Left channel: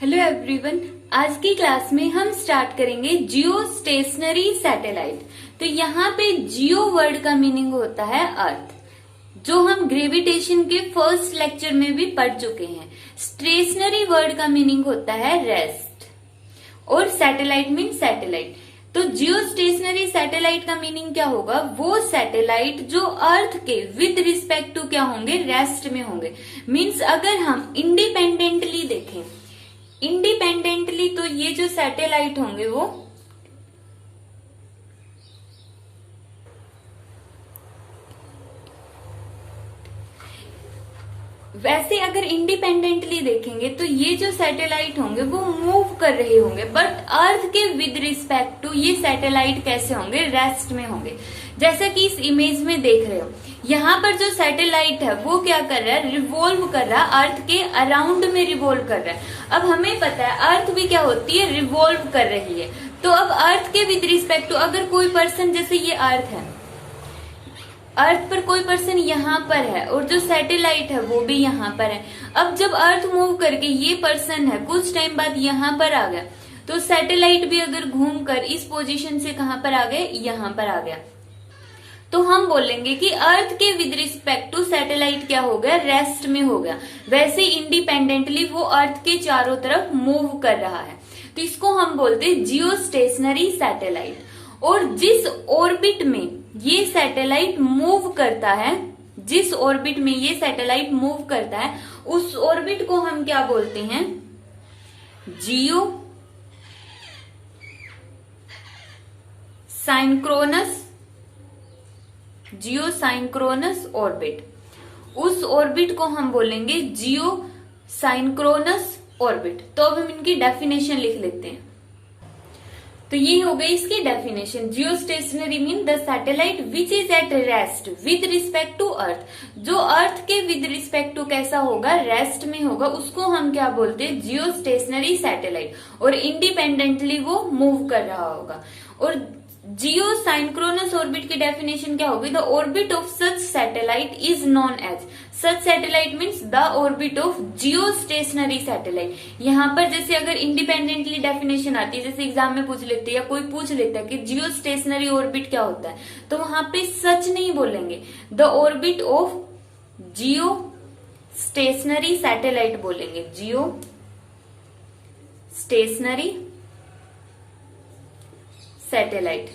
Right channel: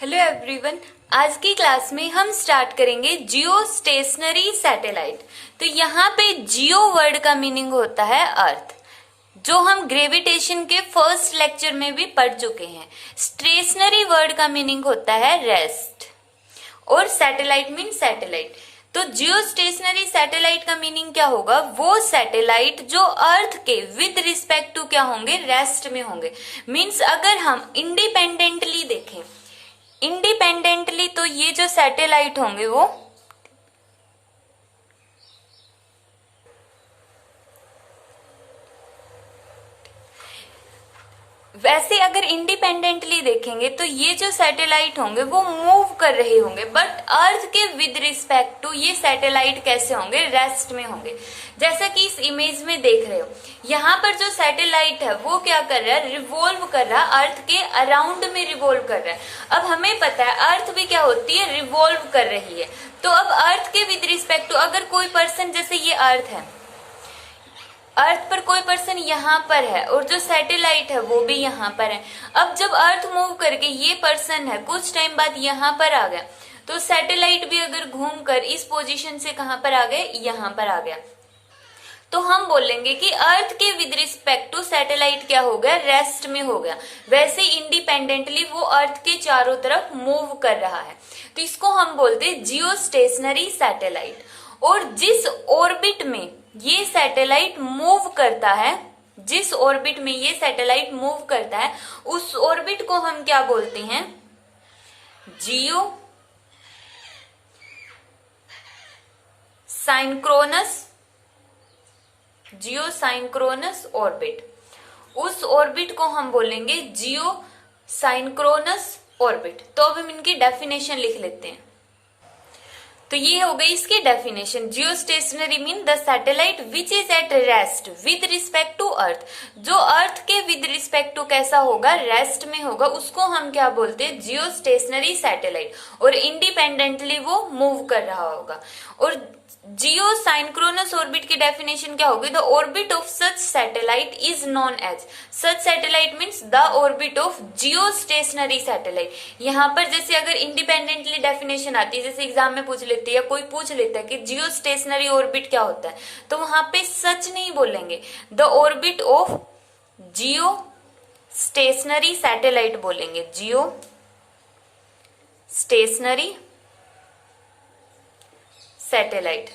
Hello everyone. आज की class में हम स्टार्ट करेंगे जियो स्टेशनरी सैटेलाइट। तो यहाँ पे जियो वर्ड का मीनिंग होता है अर्थ, जो हम ग्रेविटेशन के फर्स्ट लेक्चर में भी पढ़ चुके हैं। स्टेशनरी वर्ड का मीनिंग होता है रेस्ट, और सैटेलाइट मीन सैटेलाइट। तो जियो स्टेशनरी सैटेलाइट का मीनिंग क्या होगा? वो सैटेलाइट जो अर्थ के विद रिस्पेक्ट टू क्या होंगे? रेस्ट में होंगे। मीन्स अगर हम इंडिपेंडेंटली देखें, इंडिपेंडेंटली, तो ये जो सैटेलाइट होंगे वो वैसे अगर इंडिपेंडेंटली देखेंगे तो ये जो सैटेलाइट होंगे वो मूव कर रहे होंगे, बट अर्थ के विद रिस्पेक्ट टू ये सैटेलाइट कैसे होंगे? रेस्ट में होंगे। जैसा कि इस इमेज में देख रहे हो, यहाँ पर जो सैटेलाइट है वो क्या कर रहा है? रिवॉल्व कर रहा है, अर्थ के अराउंड में रिवॉल्व कर रहा है। अब हमें पता है अर्थ भी क्या होती है? रिवॉल्व कर रही है। तो अब अर्थ के विद रिस्पेक्ट टू अगर कोई पर्सन, जैसे ये अर्थ है, अर्थ पर कोई पर्सन यहाँ पर है और जो सैटेलाइट है वो भी यहाँ पर है। अब जब अर्थ मूव करके ये पर्सन है कुछ टाइम बाद यहाँ पर आ गया, तो सैटेलाइट भी अगर घूमकर इस पोजीशन से कहां पर आ गए? यहाँ पर आ गया, तो हम बोलेंगे कि अर्थ के विद रिस्पेक्ट टू सैटेलाइट क्या हो गया? रेस्ट में हो गया। वैसे इंडिपेंडेंटली वो अर्थ के चारों तरफ मूव कर रहा है, तो इसको हम बोलते हैं जियो स्टेशनरी सैटेलाइट। और जिस ऑर्बिट में ये सैटेलाइट मूव करता है, जिस ऑर्बिट में ये सैटेलाइट मूव करता है, उस ऑर्बिट को हम क्या बोलते हैं? जियो साइंक्रोनस, जियो साइंक्रोनस ऑर्बिट। उस ऑर्बिट को हम बोलेंगे जियो साइंक्रोनस ऑर्बिट। तो अब हम इनकी डेफिनेशन लिख लेते हैं। तो ये हो गई इसकी definition. Geostationary mean the satellite which is at rest with respect to earth. जो अर्थ के विद रिस्पेक्ट टू कैसा होगा? रेस्ट में होगा, उसको हम क्या बोलते हैं? Geostationary satellite. और इंडिपेंडेंटली वो मूव कर रहा होगा। और जियो साइंक्रोनस ऑर्बिट की डेफिनेशन क्या होगी? The orbit of such satellite is known as, such satellite means the orbit of geostationary satellite. यहाँ पर जैसे अगर इंडिपेंडेंटली डेफिनेशन आती है, जैसे एग्जाम में पूछ लेते हैं या कोई पूछ लेता है कि जियो स्टेशनरी ऑर्बिट क्या होता है, तो वहां पे सच नहीं बोलेंगे, the orbit of geostationary satellite बोलेंगे। Geostationary satellite,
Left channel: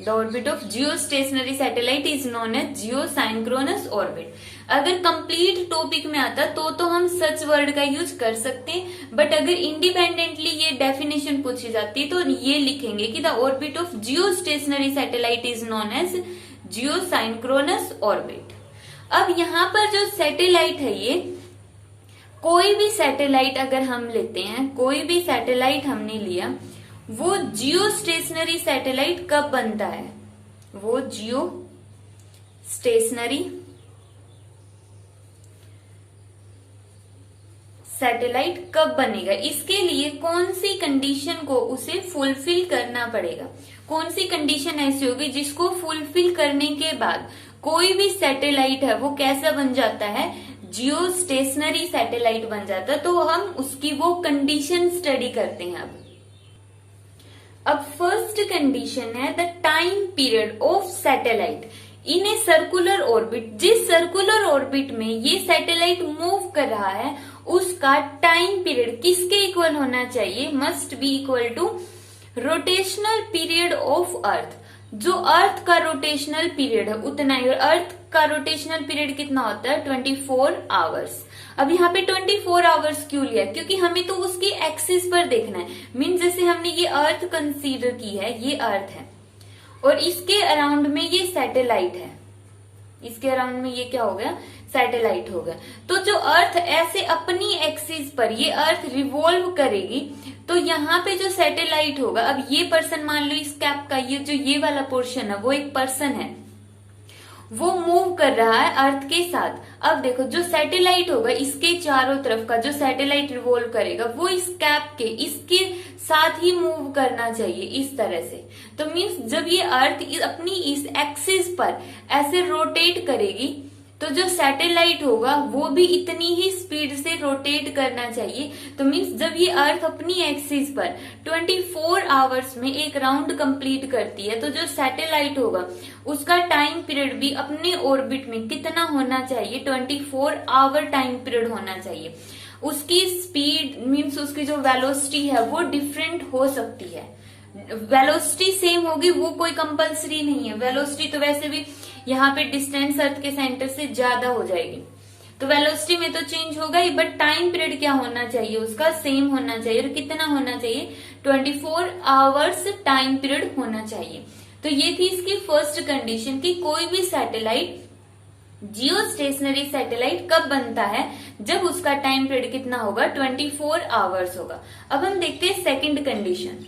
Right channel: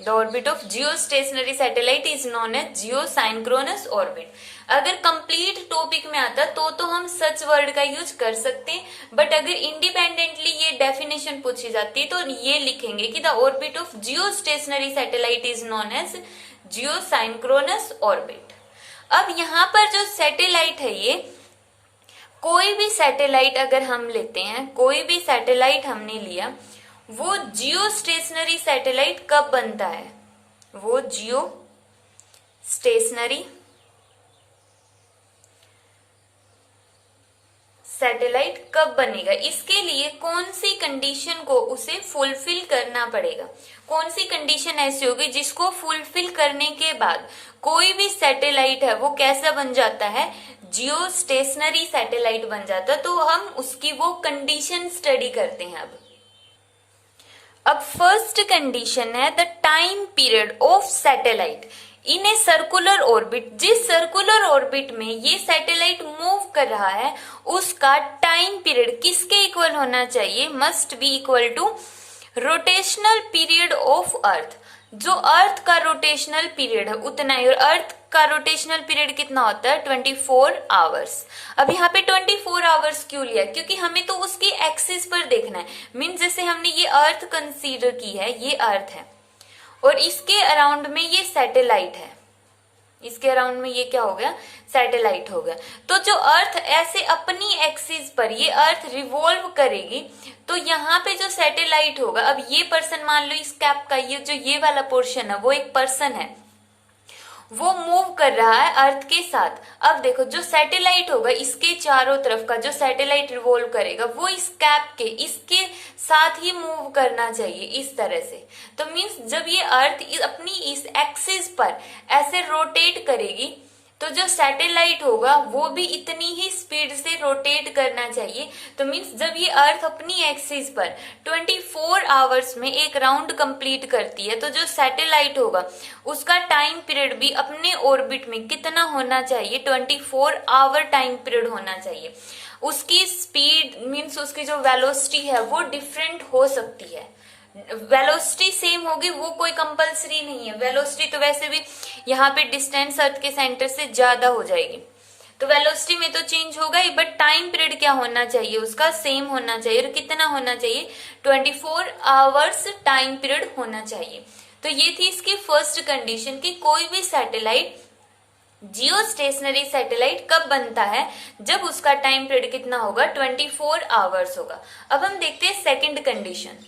the orbit of geostationary satellite is known as geosynchronous orbit. अगर कंप्लीट टॉपिक में आता तो हम सच वर्ड का यूज कर सकते हैं, बट अगर इंडिपेंडेंटली ये डेफिनेशन पूछी जाती है तो ये लिखेंगे कि the orbit of geostationary satellite is known as geosynchronous orbit. अब यहाँ पर जो सैटेलाइट है, ये कोई भी सैटेलाइट अगर हम लेते हैं, कोई भी सैटेलाइट हमने लिया, वो जियो स्टेशनरी सैटेलाइट कब बनता है? वो जियो स्टेशनरी सैटेलाइट कब बनेगा? इसके लिए कौन सी कंडीशन को उसे फुलफिल करना पड़ेगा? कौन सी कंडीशन ऐसी होगी जिसको फुलफिल करने के बाद कोई भी सैटेलाइट है वो कैसा बन जाता है? जियो स्टेशनरी सैटेलाइट बन जाता है। तो हम उसकी वो कंडीशन स्टडी करते हैं। अब फर्स्ट कंडीशन है the time period of satellite in a circular orbit. जिस सर्कुलर ऑर्बिट में ये सैटेलाइट मूव कर रहा है उसका टाइम पीरियड किसके इक्वल होना चाहिए? Must be equal to rotational period of earth. जो अर्थ का रोटेशनल पीरियड है उतना ही, और अर्थ का रोटेशनल पीरियड कितना होता है? 24 आवर्स। अब यहाँ पे 24 आवर्स क्यों लिया? क्योंकि हमें तो उसकी एक्सिस पर देखना है। मीन जैसे हमने ये अर्थ कंसीडर की है, ये अर्थ है और इसके अराउंड में ये सैटेलाइट है, इसके अराउंड में ये क्या हो गया? सैटेलाइट हो गया। तो जो अर्थ ऐसे अपनी एक्सिस पर ये अर्थ रिवॉल्व करेगी, तो यहाँ पे जो सैटेलाइट होगा, अब ये पर्सन मान लो इस कैप का ये वाला पोर्शन है वो एक पर्सन है, वो मूव कर रहा है अर्थ के साथ। अब देखो जो सैटेलाइट होगा इसके चारों तरफ का जो सैटेलाइट रिवॉल्व करेगा वो इस कैप के इसके साथ ही मूव करना चाहिए, इस तरह से। तो मीन्स जब ये अर्थ अपनी इस एक्सिस पर ऐसे रोटेट करेगी तो जो सैटेलाइट होगा वो भी इतनी ही स्पीड से रोटेट करना चाहिए। तो मीन्स जब ये अर्थ अपनी एक्सिस पर 24 आवर्स में एक राउंड कंप्लीट करती है, तो जो सैटेलाइट होगा उसका टाइम पीरियड भी अपने ऑर्बिट में कितना होना चाहिए, 24 आवर टाइम पीरियड होना चाहिए। उसकी स्पीड मीन्स उसकी जो वेलोसिटी है वो डिफरेंट हो सकती है। वेलोसिटी सेम होगी वो कोई कंपलसरी नहीं है। वेलोसिटी तो वैसे भी यहाँ पे डिस्टेंस अर्थ के सेंटर से ज्यादा हो जाएगी, तो वेलोसिटी में तो चेंज होगा ही, बट टाइम पीरियड क्या होना चाहिए उसका सेम होना चाहिए। और कितना होना चाहिए, 24 आवर्स टाइम पीरियड होना चाहिए। तो ये थी इसकी फर्स्ट कंडीशन कि कोई भी सैटेलाइट, जियो स्टेशनरी सैटेलाइट कब बनता है, जब उसका टाइम पीरियड कितना होगा, 24 आवर्स होगा। अब हम देखते हैं सेकंड कंडीशन।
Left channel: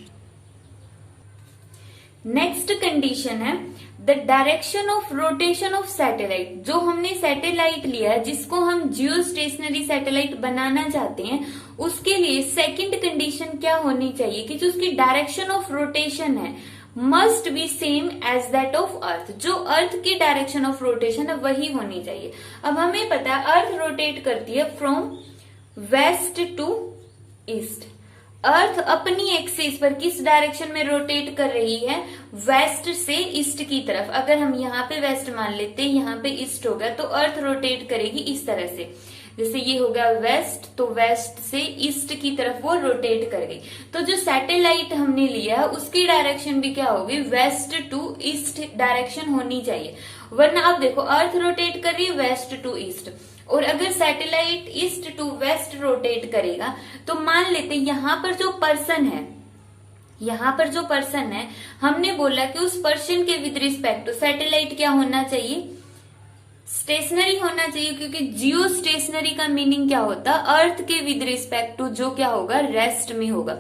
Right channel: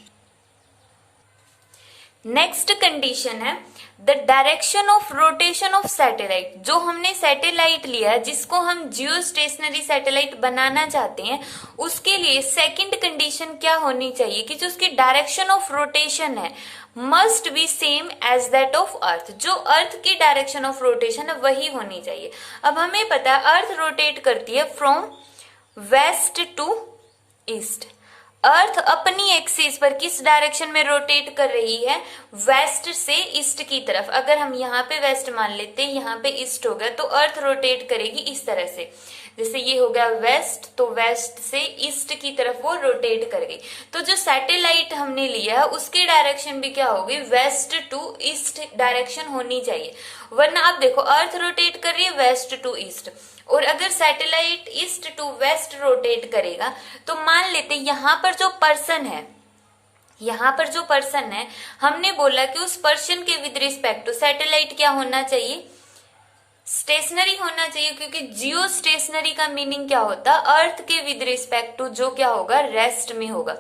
नेक्स्ट कंडीशन है the direction of rotation of satellite. जो हमने सैटेलाइट लिया जिसको हम जियो स्टेशनरी सैटेलाइट बनाना चाहते हैं, उसके लिए सेकंड कंडीशन क्या होनी चाहिए कि जो उसकी डायरेक्शन ऑफ रोटेशन है must be same as that of earth. जो अर्थ की डायरेक्शन ऑफ रोटेशन है वही होनी चाहिए। अब हमें पता है अर्थ रोटेट करती है फ्रॉम वेस्ट टू ईस्ट। अर्थ अपनी एक्सिस पर किस डायरेक्शन में रोटेट कर रही है, वेस्ट से ईस्ट की तरफ। अगर हम यहाँ पे वेस्ट मान लेते हैं, यहाँ पे ईस्ट हो गया, तो अर्थ रोटेट करेगी इस तरह से। जैसे ये हो गया वेस्ट, तो वेस्ट से ईस्ट की तरफ वो रोटेट कर गई। तो जो सैटेलाइट हमने लिया है उसकी डायरेक्शन भी क्या होगी, वेस्ट टू ईस्ट डायरेक्शन होनी चाहिए। वरना अब देखो अर्थ रोटेट कर रही है वेस्ट टू ईस्ट, और अगर satellite east to west rotate करेगा तो मान लेते यहाँ पर जो पर्सन है, यहाँ पर जो पर्सन है, हमने बोला कि उस पर्सन के विद रिस्पेक्ट टू सैटेलाइट क्या होना चाहिए, स्टेशनरी होना चाहिए। क्योंकि जियो स्टेशनरी का मीनिंग क्या होता है, अर्थ के विद रिस्पेक्ट टू जो क्या होगा, रेस्ट में होगा।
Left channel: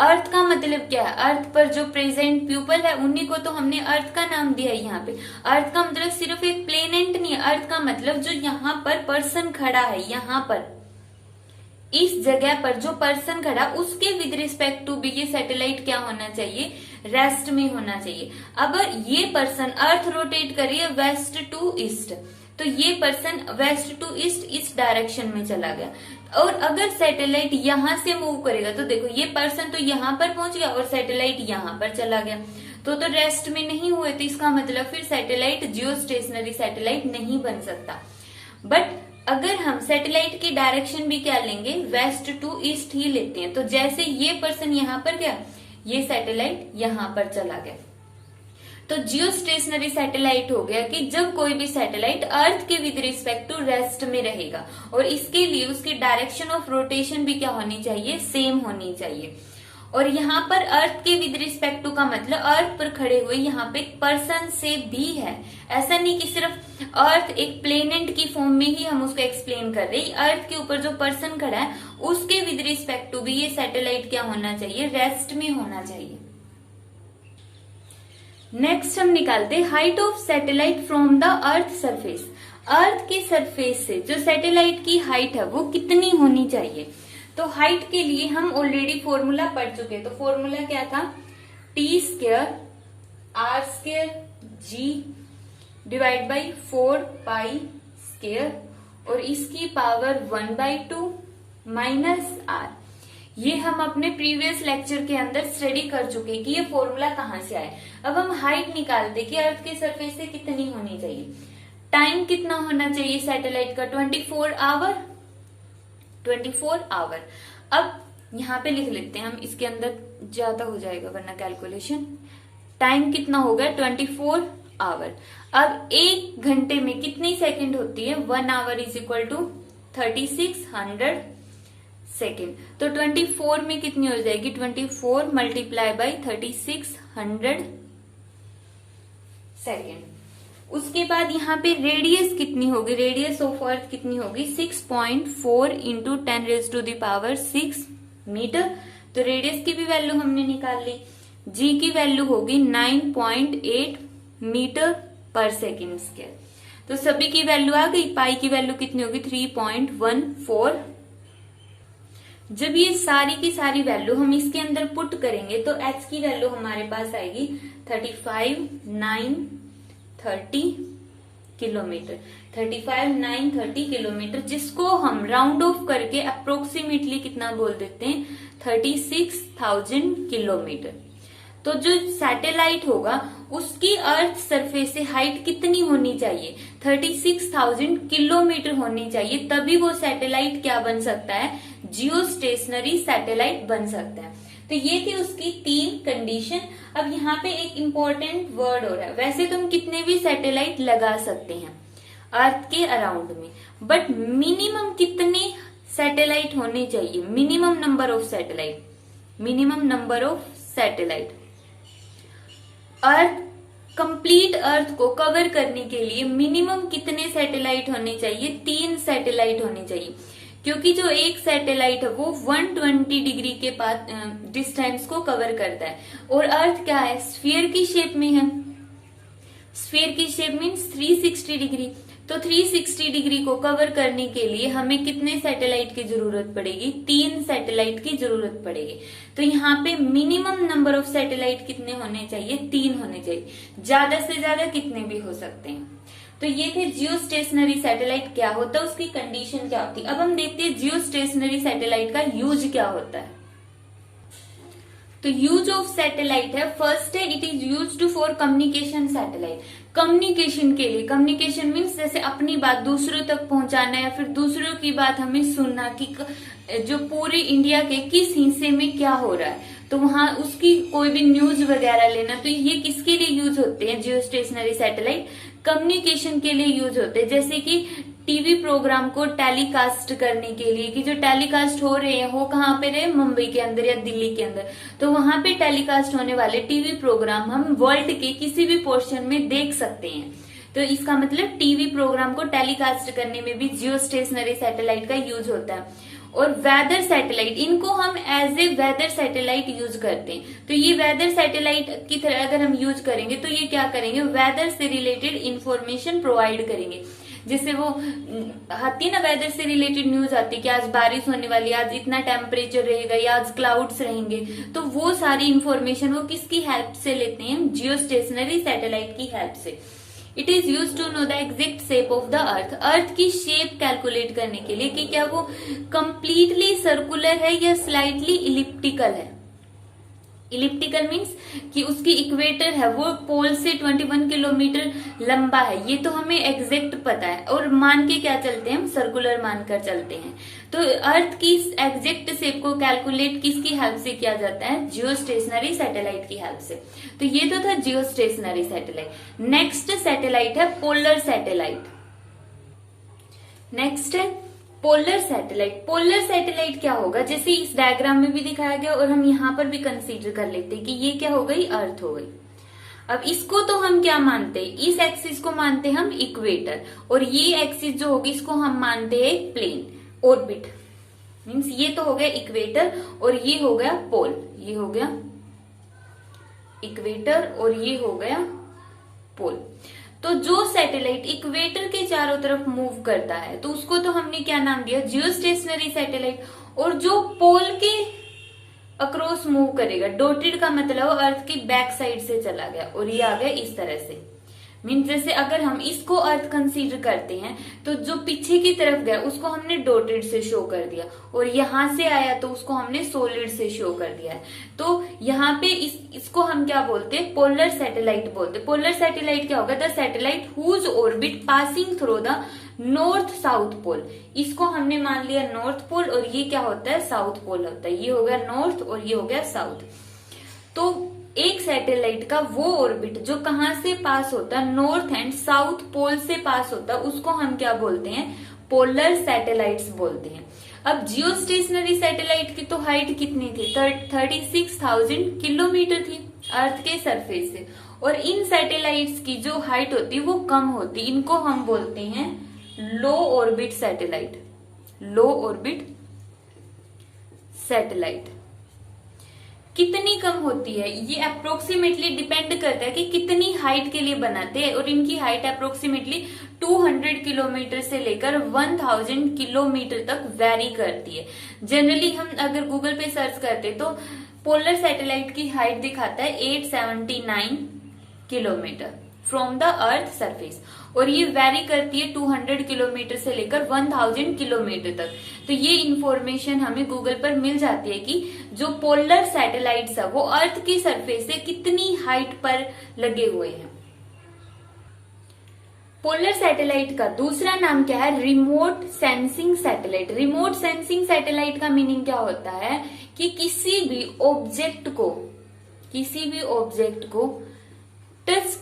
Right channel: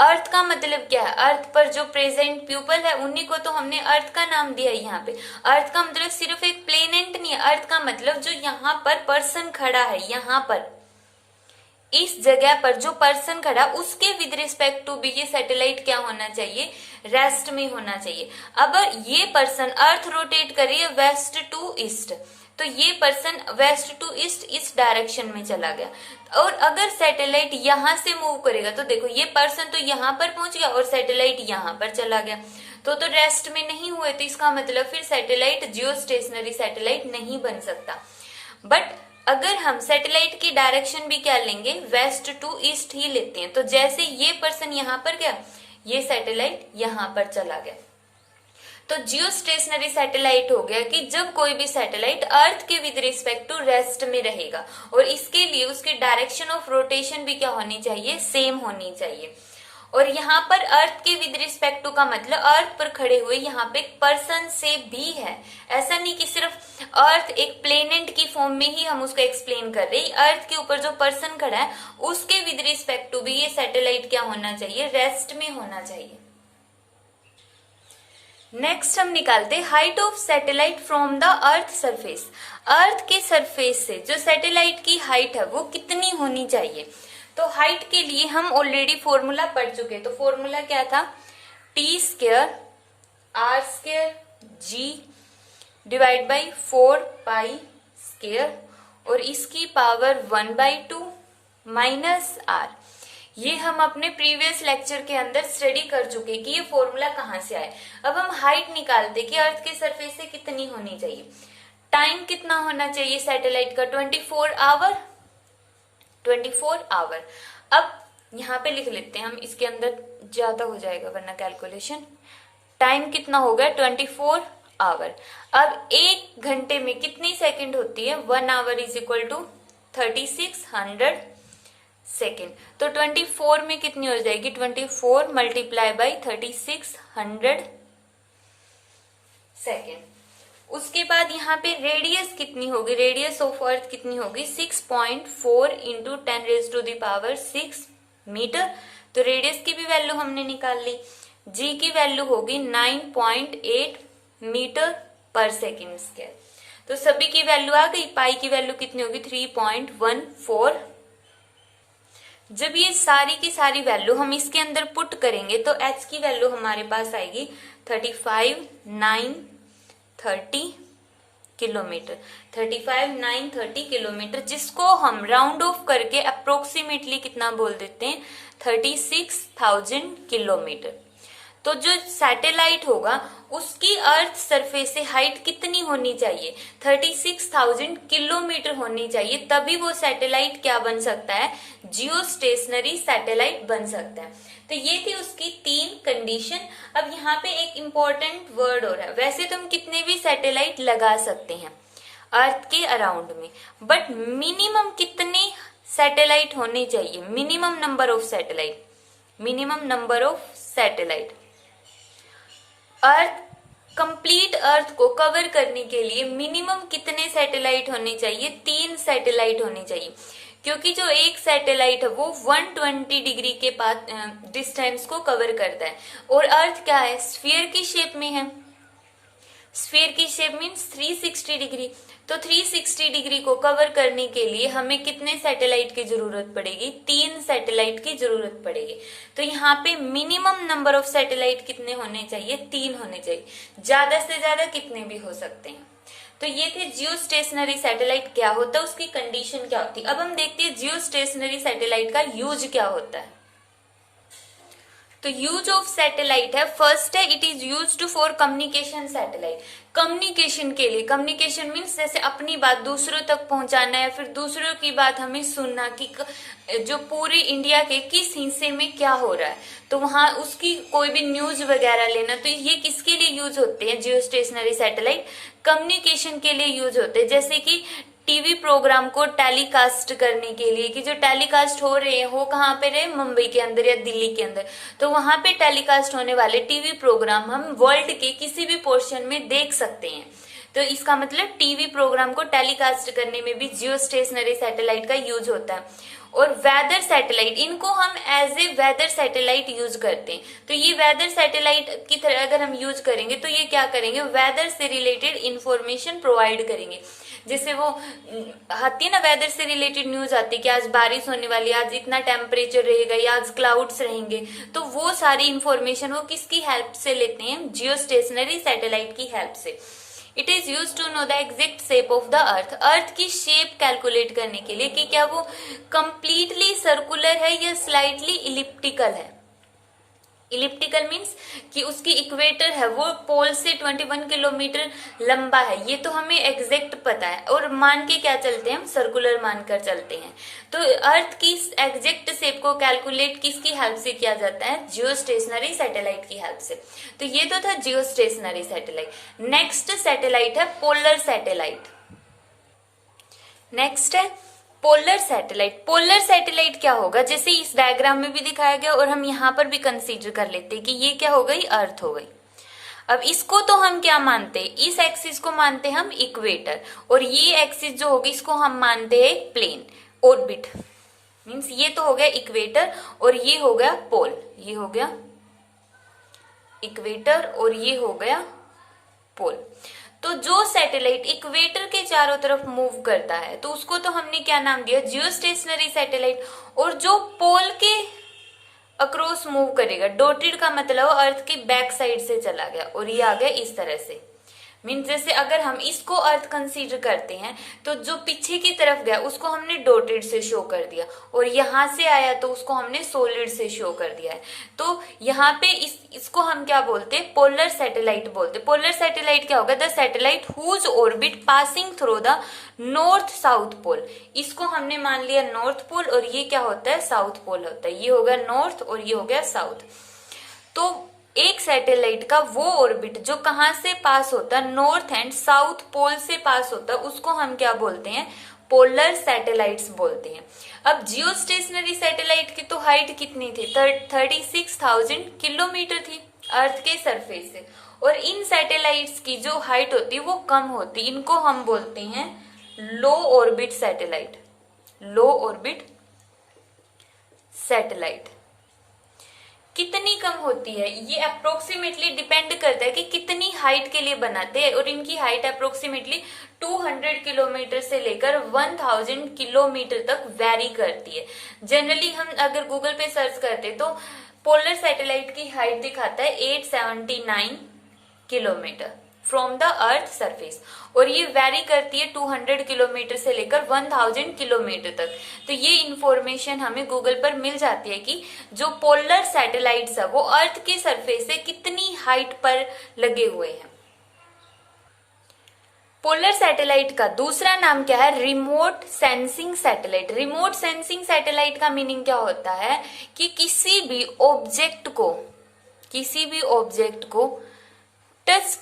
अर्थ का मतलब क्या है, अर्थ पर जो प्रेजेंट पीपल है उन्हीं को तो हमने अर्थ का नाम दिया है। यहाँ पे अर्थ का मतलब सिर्फ एक प्लेनेट नहीं है, अर्थ का मतलब जो यहाँ पर पर्सन खड़ा है, यहाँ पर इस जगह पर जो पर्सन खड़ा उसके विद रिस्पेक्ट टू भी ये सैटेलाइट क्या होना चाहिए, रेस्ट में होना चाहिए। अब ये पर्सन अर्थ रोटेट कर रही है वेस्ट टू ईस्ट, तो ये पर्सन वेस्ट टू ईस्ट इस डायरेक्शन में चला गया। और अगर सैटेलाइट यहां से मूव करेगा तो देखो ये पर्सन तो यहाँ पर पहुंच गया और सैटेलाइट यहाँ पर चला गया, तो रेस्ट में नहीं हुए। तो इसका मतलब फिर सैटेलाइट जियो स्टेशनरी सैटेलाइट नहीं बन सकता। बट अगर हम सैटेलाइट की डायरेक्शन भी क्या लेंगे, वेस्ट टू ईस्ट ही लेते हैं, तो जैसे ये पर्सन यहाँ पर गया, ये सैटेलाइट यहाँ पर चला गया, तो जियो स्टेशनरी सैटेलाइट हो गया कि जब कोई भी सैटेलाइट अर्थ के विद रिस्पेक्ट टू रेस्ट में रहेगा, और इसके लिए उसकी डायरेक्शन ऑफ रोटेशन भी क्या होनी चाहिए, सेम होनी चाहिए। और यहाँ पर अर्थ के विद रिस्पेक्ट टू का मतलब अर्थ पर खड़े हुए यहाँ पे पर्सन से भी है। ऐसा नहीं कि सिर्फ अर्थ एक प्लेनेट की फॉर्म में ही हम उसको एक्सप्लेन कर रहे हैं। अर्थ के ऊपर जो पर्सन खड़ा है उसके विद रिस्पेक्ट टू भी ये सैटेलाइट क्या होना चाहिए, रेस्ट में होना चाहिए। नेक्स्ट हम निकालते height of satellite from the earth surface. Earth के सरफेस से जो सैटेलाइट की हाइट है वो कितनी होनी चाहिए। तो हाइट के लिए हम ऑलरेडी फॉर्मूला पढ़ चुके हैं। तो फॉर्मूला क्या था, T square R square G divide by 4 pi square, और इसकी पावर 1/2 माइनस आर। ये हम अपने प्रीवियस लेक्चर के अंदर स्टडी कर चुके कि ये फॉर्मूला कहाँ से आया। अब हम हाइट निकालते कि अर्थ के सरफेस से कितनी होनी चाहिए। टाइम कितना होना चाहिए सैटेलाइट का, 24 आवर, 24 आवर। अब यहाँ पे लिख लेते हैं हम, इसके अंदर ज्यादा हो जाएगा वरना कैलकुलेशन। टाइम कितना होगा, 24 आवर। अब एक घंटे में कितनी सेकंड होती है, 1 hour is equal to 3600 second. तो 24 में कितनी हो जाएगी, 24 मल्टीप्लाई बाई 3600 सेकेंड। उसके बाद यहाँ पे रेडियस कितनी होगी, रेडियस ऑफ अर्थ कितनी होगी, 6.4 इंटू 10⁶ मीटर। तो रेडियस की भी वैल्यू हमने निकाल ली। जी की वैल्यू होगी 9.8 मीटर पर सेकेंड स्क्वायर। तो सभी की वैल्यू आ गई। पाई की वैल्यू कितनी होगी, 3.14। जब ये सारी की सारी वैल्यू हम इसके अंदर पुट करेंगे तो एच की वैल्यू हमारे पास आएगी 35,930 किलोमीटर, 35,930 किलोमीटर, जिसको हम राउंड ऑफ करके अप्रोक्सीमेटली कितना बोल देते हैं, 36,000 किलोमीटर। तो जो सैटेलाइट होगा उसकी अर्थ सरफेस से हाइट कितनी होनी चाहिए, 36,000 किलोमीटर होनी चाहिए, तभी वो सैटेलाइट क्या बन सकता है, जियो स्टेशनरी सैटेलाइट बन सकता है। तो ये थी उसकी 3 कंडीशन। अब यहाँ पे एक इम्पोर्टेंट वर्ड हो रहा है, वैसे तुम कितने भी सैटेलाइट लगा सकते हैं अर्थ के अराउंड में, बट मिनिमम कितने सैटेलाइट होने चाहिए, minimum number of satellite, minimum number of satellite earth, complete earth को कवर करने के लिए मिनिमम कितने सैटेलाइट होने चाहिए, 3 सैटेलाइट होने चाहिए, क्योंकि जो एक सैटेलाइट है वो 120 डिग्री के पास डिस्टेंस को कवर करता है, और अर्थ क्या है, स्फीयर की शेप में है, स्फीयर की शेप मीन्स 360 डिग्री, तो 360 डिग्री को कवर करने के लिए हमें कितने सैटेलाइट की जरूरत पड़ेगी, 3 सैटेलाइट की जरूरत पड़ेगी। तो यहाँ पे मिनिमम नंबर ऑफ सैटेलाइट कितने होने चाहिए, 3 होने चाहिए, ज्यादा से ज्यादा कितने भी हो सकते हैं। तो ये थे जियो स्टेशनरी सैटेलाइट क्या होता है, उसकी कंडीशन क्या होती है। अब हम देखते हैं जियो स्टेशनरी सैटेलाइट का यूज क्या होता है। तो यूज ऑफ सैटेलाइट है, फर्स्ट है it is used for communication satellite, communication के लिए, कम्युनिकेशन मीन्स जैसे अपनी बात दूसरों तक पहुंचाना है, फिर दूसरों की बात हमें सुनना कि जो पूरे इंडिया के किस हिस्से में क्या हो रहा है, तो वहां उसकी कोई भी न्यूज वगैरह लेना, तो ये किसके लिए यूज होते हैं जियो स्टेशनरी सैटेलाइट, कम्युनिकेशन के लिए यूज होते हैं। जैसे कि टीवी प्रोग्राम को टेलीकास्ट करने के लिए, कि जो टेलीकास्ट हो रहे हैं वो कहाँ पे रहे, मुंबई के अंदर या दिल्ली के अंदर, तो वहां पे टेलीकास्ट होने वाले टीवी प्रोग्राम हम वर्ल्ड के किसी भी पोर्शन में देख सकते हैं। तो इसका मतलब टीवी प्रोग्राम को टेलीकास्ट करने में भी जियो स्टेशनरी सैटेलाइट का यूज होता है। और वेदर सैटेलाइट, इनको हम as a weather satellite use करते हैं। तो ये वेदर सैटेलाइट की तरह अगर हम यूज करेंगे तो ये क्या करेंगे, वेदर से रिलेटेड इंफॉर्मेशन प्रोवाइड करेंगे। जैसे वो आती है ना, वेदर से रिलेटेड न्यूज आती है कि आज बारिश होने वाली, आज इतना टेम्परेचर रहेगा या आज क्लाउड्स रहेंगे, तो वो सारी इंफॉर्मेशन वो किसकी हेल्प से लेते हैं, जियो स्टेशनरी सैटेलाइट की हेल्प से। It is use to know the exact shape of the earth, earth की शेप कैलकुलेट करने के लिए कि क्या वो कंप्लीटली सर्कुलर है या स्लाइटली इलिप्टिकल है। इलिप्टिकल मीन्स कि उसकी इक्वेटर है वो पोल से 21 किलोमीटर लंबा है, ये तो हमें एग्जैक्ट पता है, और मान के क्या चलते हैं हम, सर्कुलर मानकर चलते हैं। तो अर्थ की एग्जैक्ट शेप को कैलकुलेट किसकी हेल्प से किया जाता है, जियो स्टेशनरी सैटेलाइट की हेल्प से। तो ये तो था जियो स्टेशनरी सैटेलाइट। नेक्स्ट सैटेलाइट है पोलर सैटेलाइट। नेक्स्ट है पोलर सैटेलाइट। पोलर सैटेलाइट क्या होगा, जैसे इस डायग्राम में भी दिखाया गया और हम यहाँ पर भी कंसीडर कर लेते हैं कि ये क्या हो गई, अर्थ हो गई। अब इसको तो हम क्या मानते हैं, इस एक्सिस को मानते हैं हम इक्वेटर, और ये एक्सिस जो होगी इसको हम मानते हैं प्लेन ऑर्बिट। मीन्स ये तो हो गया इक्वेटर और ये हो गया पोल, ये हो गया इक्वेटर और ये हो गया पोल। तो जो सैटेलाइट इक्वेटर के चारों तरफ मूव करता है तो उसको तो हमने क्या नाम दिया, जियो स्टेशनरी सैटेलाइट। और जो पोल के अक्रॉस मूव करेगा, डॉटेड का मतलब अर्थ की बैक साइड से चला गया और ये आ गया इस तरह से। मीन्स जैसे अगर हम इसको अर्थ कंसीडर करते हैं तो जो पीछे की तरफ गया उसको हमने डॉटेड से शो कर दिया, और यहां से आया तो उसको हमने सॉलिड से शो कर दिया है। तो यहाँ पे इसको हम क्या बोलते हैं, पोलर सैटेलाइट बोलते हैं। पोलर सैटेलाइट क्या होगा, the satellite whose orbit passing through the north south pole. इसको हमने मान लिया नॉर्थ पोल और ये क्या होता है, साउथ पोल होता है। ये हो गया नॉर्थ और ये हो गया साउथ। तो एक सैटेलाइट का वो ऑर्बिट जो कहां से पास होता है, नॉर्थ एंड साउथ पोल से पास होता है, उसको हम क्या बोलते हैं, पोलर सैटेलाइट्स बोलते हैं। अब जियो स्टेशनरी सैटेलाइट की तो हाइट कितनी थी, 36,000 किलोमीटर थी अर्थ के सरफेस से, और इन सैटेलाइट्स की जो हाइट होती है वो कम होती है। इनको हम बोलते हैं लो ऑर्बिट सैटेलाइट, लो ऑर्बिट सैटेलाइट। कितनी कम होती है ये अप्रोक्सीमेटली डिपेंड करता है कि कितनी हाइट के लिए बनाते हैं, और इनकी हाइट अप्रोक्सीमेटली 200 किलोमीटर से लेकर 1000 किलोमीटर तक वेरी करती है। जनरली हम अगर गूगल पे सर्च करते तो पोलर सैटेलाइट की हाइट दिखाता है 879 kilometre from the earth surface, और ये वेरी करती है 200 किलोमीटर से लेकर 1000 किलोमीटर तक। तो ये इंफॉर्मेशन हमें गूगल पर मिल जाती है कि जो पोलर सैटेलाइट्स है वो अर्थ की सरफेस से कितनी हाइट पर लगे हुए हैं। पोलर सैटेलाइट का दूसरा नाम क्या है? Remote sensing satellite. Remote sensing satellite का मीनिंग क्या होता है कि किसी भी ऑब्जेक्ट को टच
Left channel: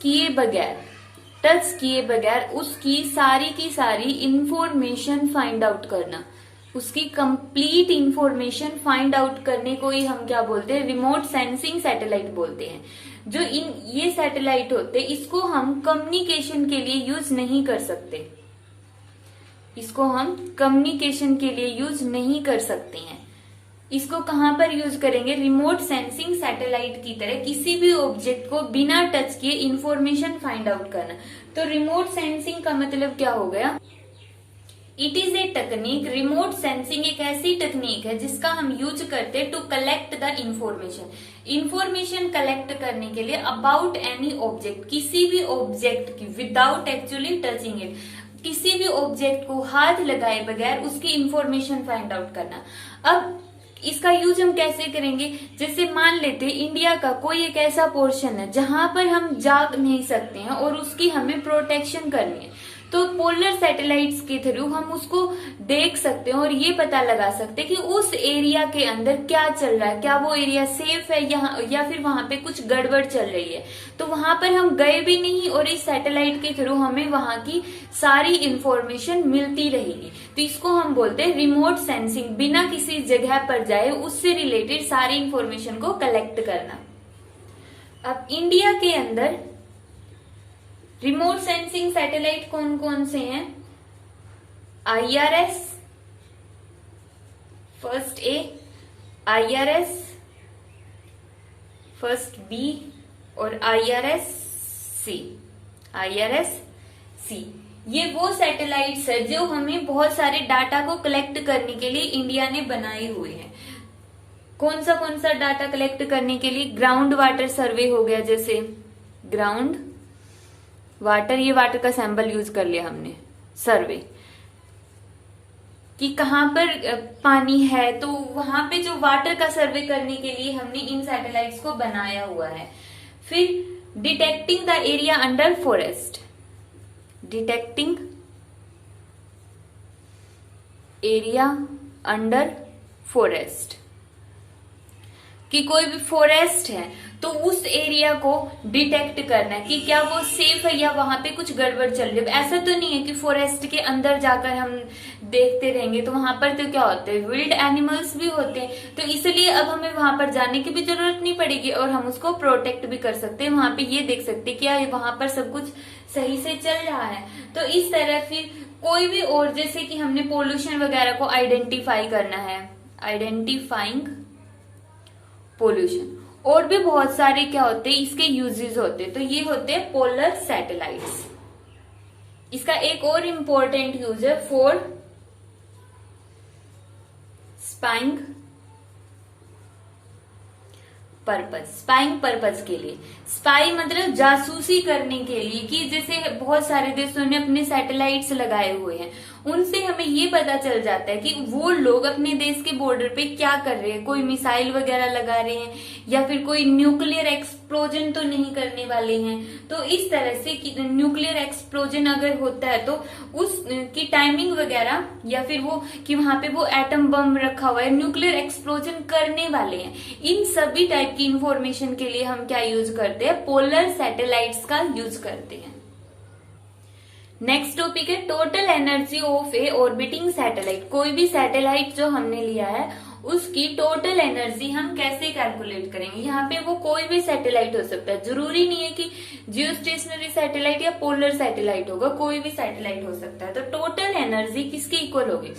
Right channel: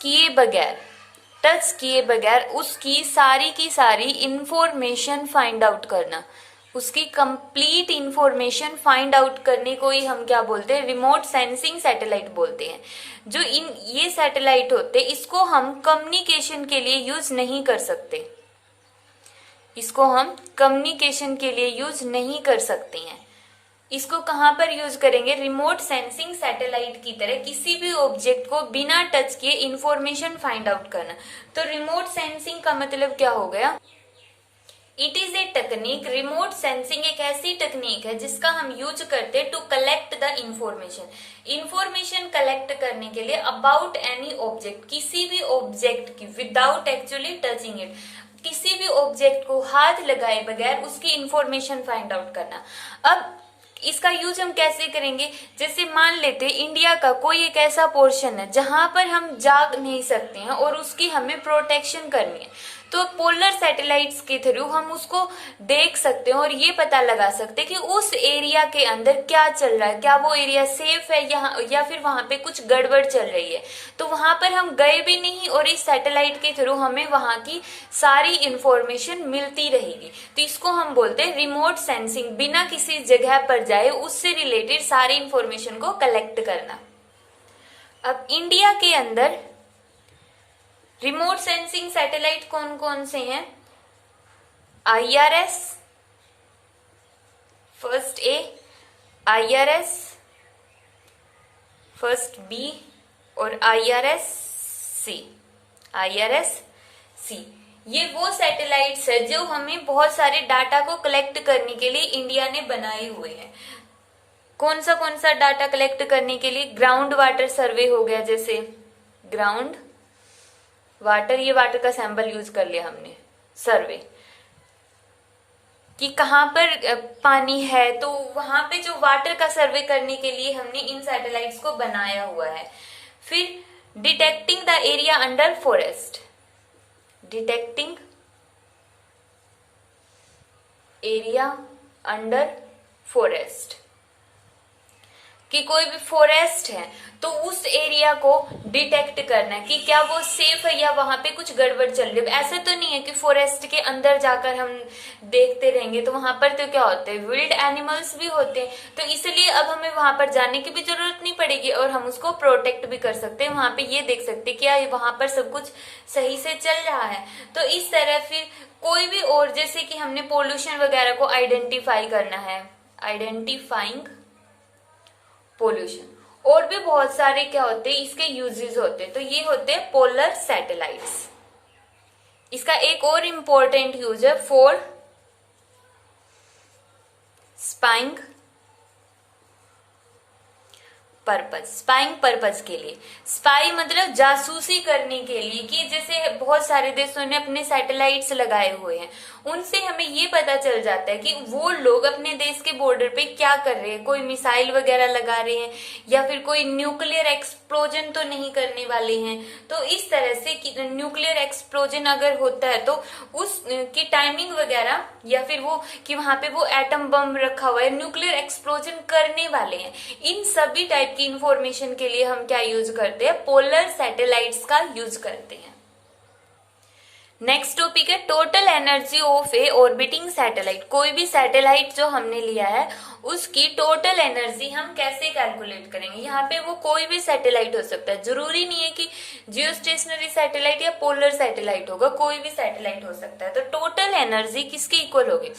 किए बगैर उसकी सारी की सारी इंफॉर्मेशन फाइंड आउट करना, उसकी कंप्लीट इंफॉर्मेशन फाइंड आउट करने को ही हम क्या बोलते हैं? रिमोट सेंसिंग सैटेलाइट बोलते हैं। जो ये सैटेलाइट होते हैं इसको हम कम्युनिकेशन के लिए यूज नहीं कर सकते हैं। इसको कहां पर यूज करेंगे? रिमोट सेंसिंग सैटेलाइट की तरह किसी भी ऑब्जेक्ट को बिना टच किए इंफॉर्मेशन फाइंड आउट करना। तो रिमोट सेंसिंग का मतलब क्या हो गया? It is a technique, remote sensing एक ऐसी टेक्निक है जिसका हम यूज करते हैं to collect the information collect करने के लिए अबाउट एनी ऑब्जेक्ट, किसी भी ऑब्जेक्ट की, विदाउट एक्चुअली टचिंग इट, किसी भी ऑब्जेक्ट को हाथ लगाए बगैर उसकी इंफॉर्मेशन फाइंड आउट करना। अब इसका यूज हम कैसे करेंगे? जैसे मान लेते इंडिया का कोई एक ऐसा पोर्शन है जहां पर हम जा नहीं सकते हैं और उसकी हमें प्रोटेक्शन करनी है, तो पोलर सैटेलाइट्स के थ्रू हम उसको देख सकते हैं और ये पता लगा सकते हैं कि उस एरिया के अंदर क्या चल रहा है, क्या वो एरिया सेफ है या फिर वहां पे कुछ गड़बड़ चल रही है। तो वहां पर हम गए भी नहीं और इस सैटेलाइट के थ्रू हमें वहां की सारी इंफॉर्मेशन मिलती रहेगी। तो इसको हम बोलते हैं रिमोट सेंसिंग, बिना किसी जगह पर जाए उससे रिलेटेड सारी इंफॉर्मेशन को कलेक्ट करना। अब इंडिया के अंदर रिमोट सेंसिंग सैटेलाइट कौन कौन से हैं? IRS first A, IRS first B और IRS C। ये वो सैटेलाइट्स है जो हमें बहुत सारे डाटा को कलेक्ट करने के लिए इंडिया ने बनाए हुए हैं। कौन सा डाटा कलेक्ट करने के लिए? ग्राउंड वाटर सर्वे हो गया, जैसे ग्राउंड वाटर, ये वाटर का सैंपल यूज कर लिया हमने, सर्वे कि कहां पर पानी है, तो वहां पे जो वाटर का सर्वे करने के लिए हमने इन सैटेलाइट्स को बनाया हुआ है। फिर detecting the area under forest, detecting area under forest, कि कोई भी फॉरेस्ट है तो उस एरिया को डिटेक्ट करना कि क्या वो सेफ है या वहां पे कुछ गड़बड़ चल रही है। ऐसा तो नहीं है कि फॉरेस्ट के अंदर जाकर हम देखते रहेंगे, तो वहां पर तो क्या होते हैं? विल्ड एनिमल्स भी होते हैं। तो इसलिए अब हमें वहां पर जाने की भी जरूरत नहीं पड़ेगी और हम उसको प्रोटेक्ट भी कर सकते हैं। वहां पे ये देख सकते हैं क्या वहां पर सब कुछ सही से चल रहा है। तो इस तरह फिर कोई भी और, जैसे कि हमने पोल्यूशन वगैरह को आइडेंटिफाई करना है, आइडेंटिफाइंग पोल्यूशन, और भी बहुत सारे क्या होते हैं इसके यूजेस होते हैं। तो ये होते हैं पोलर सैटेलाइट्स। इसका एक और इम्पोर्टेंट यूज है फॉर स्पाइंग पर्पज के लिए। स्पाई मतलब जासूसी करने के लिए, कि जैसे बहुत सारे देशों ने अपने सैटेलाइट्स लगाए हुए हैं, उनसे हमें ये पता चल जाता है कि वो लोग अपने देश के बॉर्डर पे क्या कर रहे हैं, कोई मिसाइल वगैरह लगा रहे हैं या फिर कोई न्यूक्लियर एक्सप्लोजन तो नहीं करने वाले हैं। तो इस तरह से न्यूक्लियर एक्सप्लोजन अगर होता है तो उसकी टाइमिंग वगैरह, या फिर वो कि वहां पे वो एटम बम रखा हुआ है, न्यूक्लियर एक्सप्लोजन करने वाले हैं, इन सभी टाइप की इंफॉर्मेशन के लिए हम क्या यूज करते हैं? पोलर सैटेलाइट्स का यूज करते हैं। नेक्स्ट टॉपिक है total energy of A orbiting satellite. कोई भी सैटेलाइट जो हमने लिया है उसकी टोटल एनर्जी हम कैसे कैलकुलेट करेंगे? यहाँ पे वो कोई भी सैटेलाइट हो सकता है, जरूरी नहीं है कि जियो स्टेशनरी सैटेलाइट या पोलर सैटेलाइट होगा, कोई भी सैटेलाइट हो सकता है। तो टोटल एनर्जी किसके इक्वल होगी?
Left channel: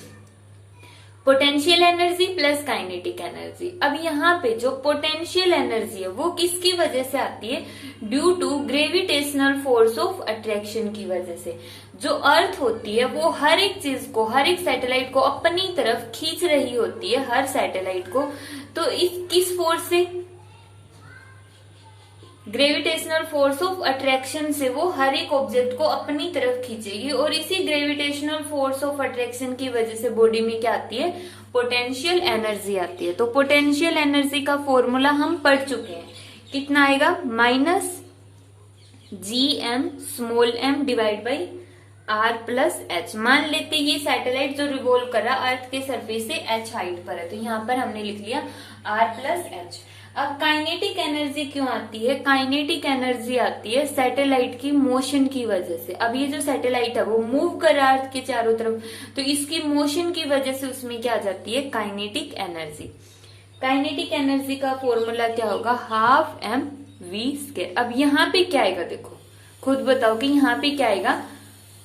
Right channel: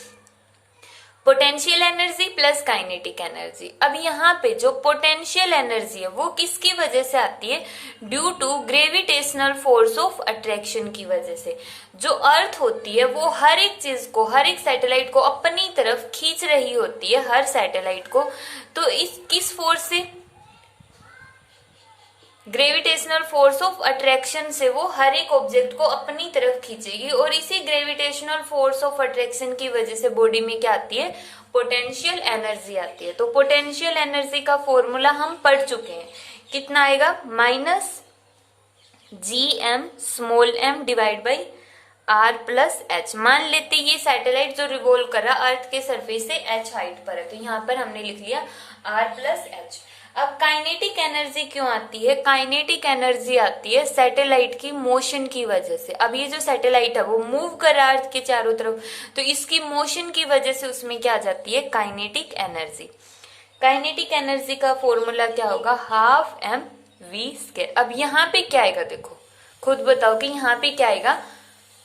Potential energy plus kinetic energy. अब यहाँ पे जो पोटेंशियल एनर्जी है वो किसकी वजह से आती है? Due to gravitational force of attraction की वजह से। जो अर्थ होती है वो हर एक चीज को, हर एक सैटेलाइट को अपनी तरफ खींच रही होती है, हर सैटेलाइट को। तो इस किस फोर्स से? ग्रेविटेशनल फोर्स ऑफ अट्रैक्शन से वो हर एक ऑब्जेक्ट को अपनी तरफ खींचेगी और इसी ग्रेविटेशनल फोर्स ऑफ अट्रैक्शन की वजह से बॉडी में क्या आती है, पोटेंशियल एनर्जी आती है। तो पोटेंशियल एनर्जी का फॉर्मूला हम पढ़ चुके हैं, कितना आएगा, minus GM small m divide by R plus H। मान लेते ये सैटेलाइट जो रिवॉल्व कर रहा अर्थ के सरफेस से H हाइट पर है, तो यहाँ पर हमने लिख लिया R प्लस H। अब काइनेटिक एनर्जी क्यों आती है, काइनेटिक एनर्जी आती है सैटेलाइट की मोशन की वजह से। अब ये जो सैटेलाइट है वो मूव कर रहा है अर्थ के चारों तरफ, तो इसकी मोशन की वजह से उसमें क्या आ जाती है, काइनेटिक एनर्जी। काइनेटिक एनर्जी का फॉर्मूला क्या होगा, हाफ mv²। अब यहाँ पे क्या आएगा, देखो खुद बताओ कि यहाँ पे क्या आएगा,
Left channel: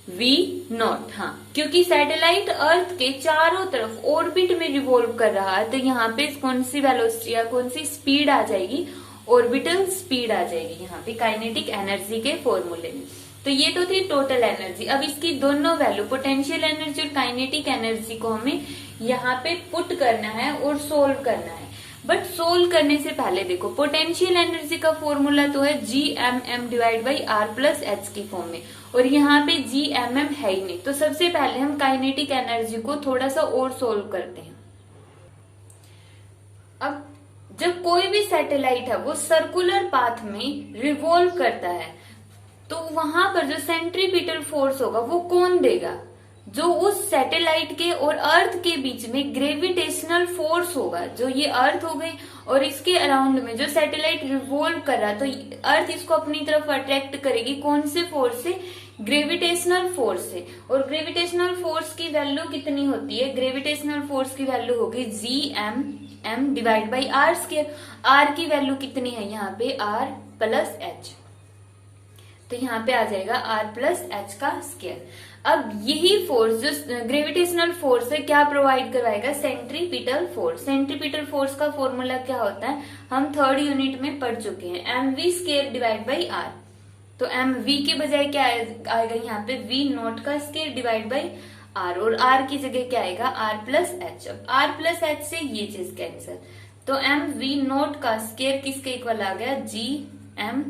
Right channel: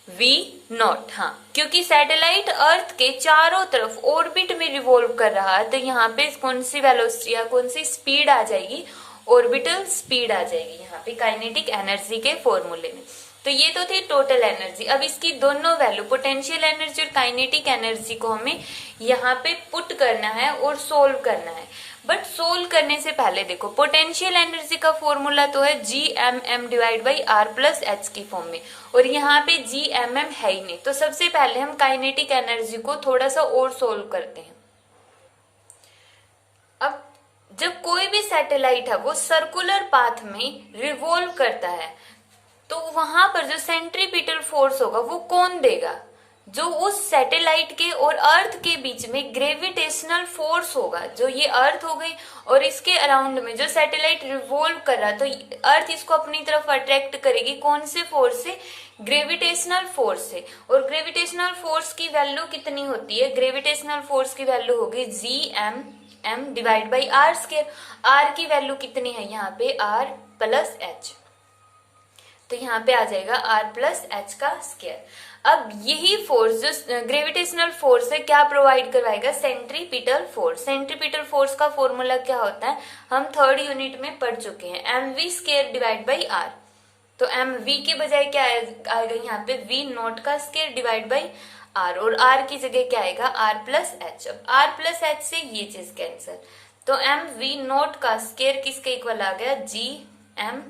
v0। हाँ, क्योंकि सैटेलाइट अर्थ के चारों तरफ ऑर्बिट में रिवॉल्व कर रहा है, तो यहाँ पे कौन सी वेलोसिटी या कौन सी स्पीड आ जाएगी, ऑर्बिटल स्पीड आ जाएगी यहाँ पे काइनेटिक एनर्जी के फॉर्मूले में। तो ये तो थी टोटल एनर्जी। अब इसकी दोनों वैल्यू पोटेंशियल एनर्जी और काइनेटिक एनर्जी को हमें यहाँ पे पुट करना है और सोल्व करना है। बट सोल्व करने से पहले देखो, पोटेंशियल एनर्जी का फॉर्मूला तो है GMM divide by R plus H की फॉर्म में, और यहाँ पे GMM है ही नहीं। तो सबसे पहले हम काइनेटिक एनर्जी को थोड़ा सा और सोल्व करते हैं। अब जब कोई भी सैटेलाइट है वो सर्कुलर पाथ में रिवॉल्व करता है, तो वहां पर जो सेंट्रीपिटल फोर्स होगा वो कौन देगा, जो उस सैटेलाइट के और अर्थ के बीच में ग्रेविटेशनल फोर्स होगा। जो ये अर्थ हो गई और इसके अराउंड में जो सैटेलाइट रिवॉल्व कर रहा है, तो अर्थ इसको अपनी तरफ अट्रैक्ट करेगी, कौन से फोर्स से, ग्रेविटेशनल फोर्स से। और ग्रेविटेशनल फोर्स की वैल्यू कितनी होती है, ग्रेविटेशनल फोर्स की वैल्यू होगी GMM divide by R²। R की वैल्यू कितनी है यहाँ पे, R प्लस H, तो यहाँ पे आ जाएगा R प्लस H का स्क्वायर। अब यही फोर्स जो ग्रेविटेशनल फोर्स है क्या प्रोवाइड करवाएगा, सेंट्रीपिटल फोर्स। सेंट्रीपिटल फोर्स का फॉर्मूला क्या होता है, हम 3rd यूनिट में पढ़ चुके हैं, mv² डिवाइड बाई R। तो mv के बजाय क्या आएगा यहाँ पे, v0 का स्क्वायर डिवाइड बाई R, और R की जगह क्या आएगा, R plus H। R plus H से ये चीज कैंसिल, तो mv0 का स्क्वायर किसके इक्वल आ गया, GMM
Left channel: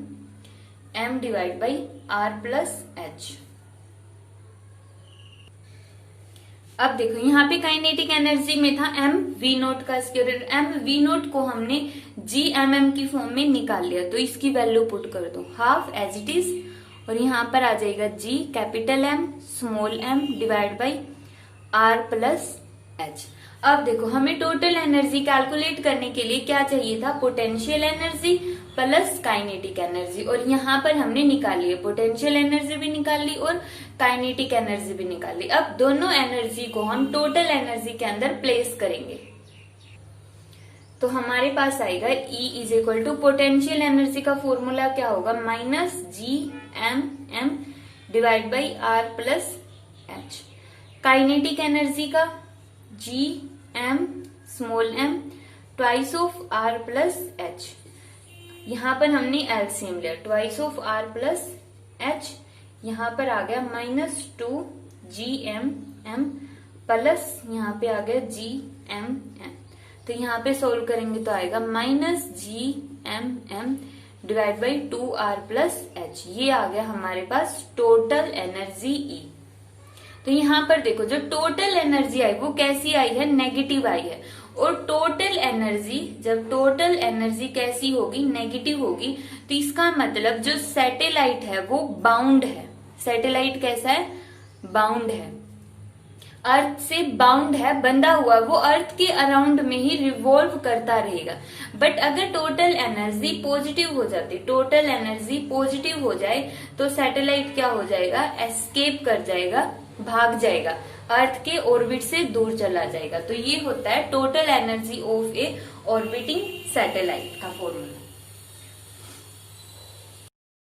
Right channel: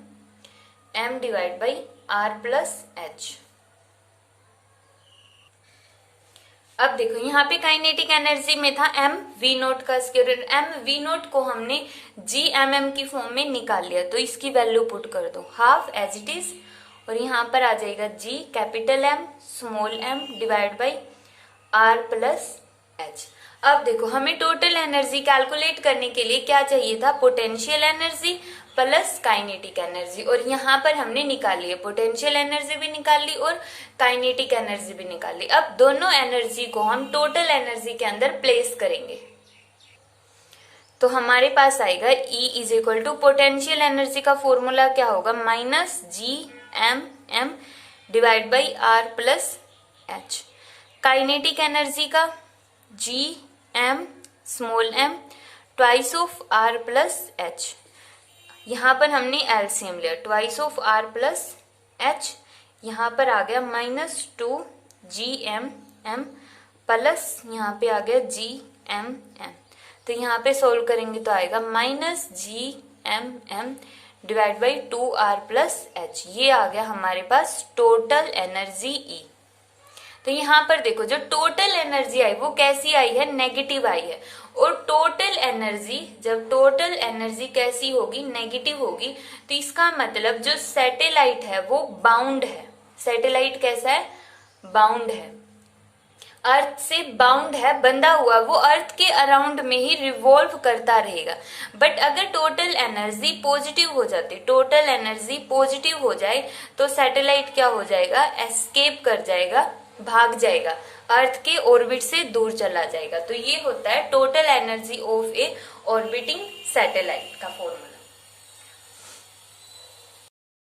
divide by R plus H। अब देखो यहाँ पे काइनेटिक एनर्जी में था mv0 का स्क्वायर, mv0 को हमने GMM की फॉर्म में निकाल लिया, तो इसकी वैल्यू पुट कर दो, हाफ एज इट इज, और यहाँ पर आ जाएगा G capital M small m divide by R plus H। अब देखो हमें टोटल एनर्जी कैलकुलेट करने के लिए क्या चाहिए था, potential energy plus kinetic energy, और यहाँ पर हमने निकाली है, पोटेंशियल एनर्जी भी निकाल ली और काइनेटिक एनर्जी भी निकाल ली। अब दोनों एनर्जी को हम टोटल एनर्जी के अंदर प्लेस करेंगे, तो हमारे पास आएगा E is equal to potential energy का फॉर्मूला क्या होगा, minus GMM divide by R plus H। Kinetic energy का GM small m twice of R plus H। यहाँ पर हमने एलसीएम लिया, twice of R plus H, यहाँ पर आ गया -2 GMM प्लस यहाँ पे आ गया GMM। तो यहाँ पे सोल्व करेंगे तो आएगा -GMM divide by 2R plus H। ये आ गया हमारे पास टोटल एनर्जी E। तो यहाँ पर देखो जो टोटल एनर्जी आई वो कैसी आई है, नेगेटिव आई है। और टोटल एनर्जी, जब टोटल एनर्जी कैसी होगी, नेगेटिव होगी, तो इसका मतलब जो सैटेलाइट है वो बाउंड है। सैटेलाइट कैसा है, बाउंड है, अर्थ से बाउंड है, बंधा हुआ, वो अर्थ के अराउंड में ही रिवॉल्व करता रहेगा। बट अगर टोटल एनर्जी पॉजिटिव हो जाती, टोटल एनर्जी पॉजिटिव हो जाए, तो सैटेलाइट क्या हो जाएगा, एस्केप कर जाएगा, भाग जाएगा, अर्थ के ऑर्बिट से दूर चला जाएगा। तो ये होता है total energy of A orbiting satellite का फॉर्मूला।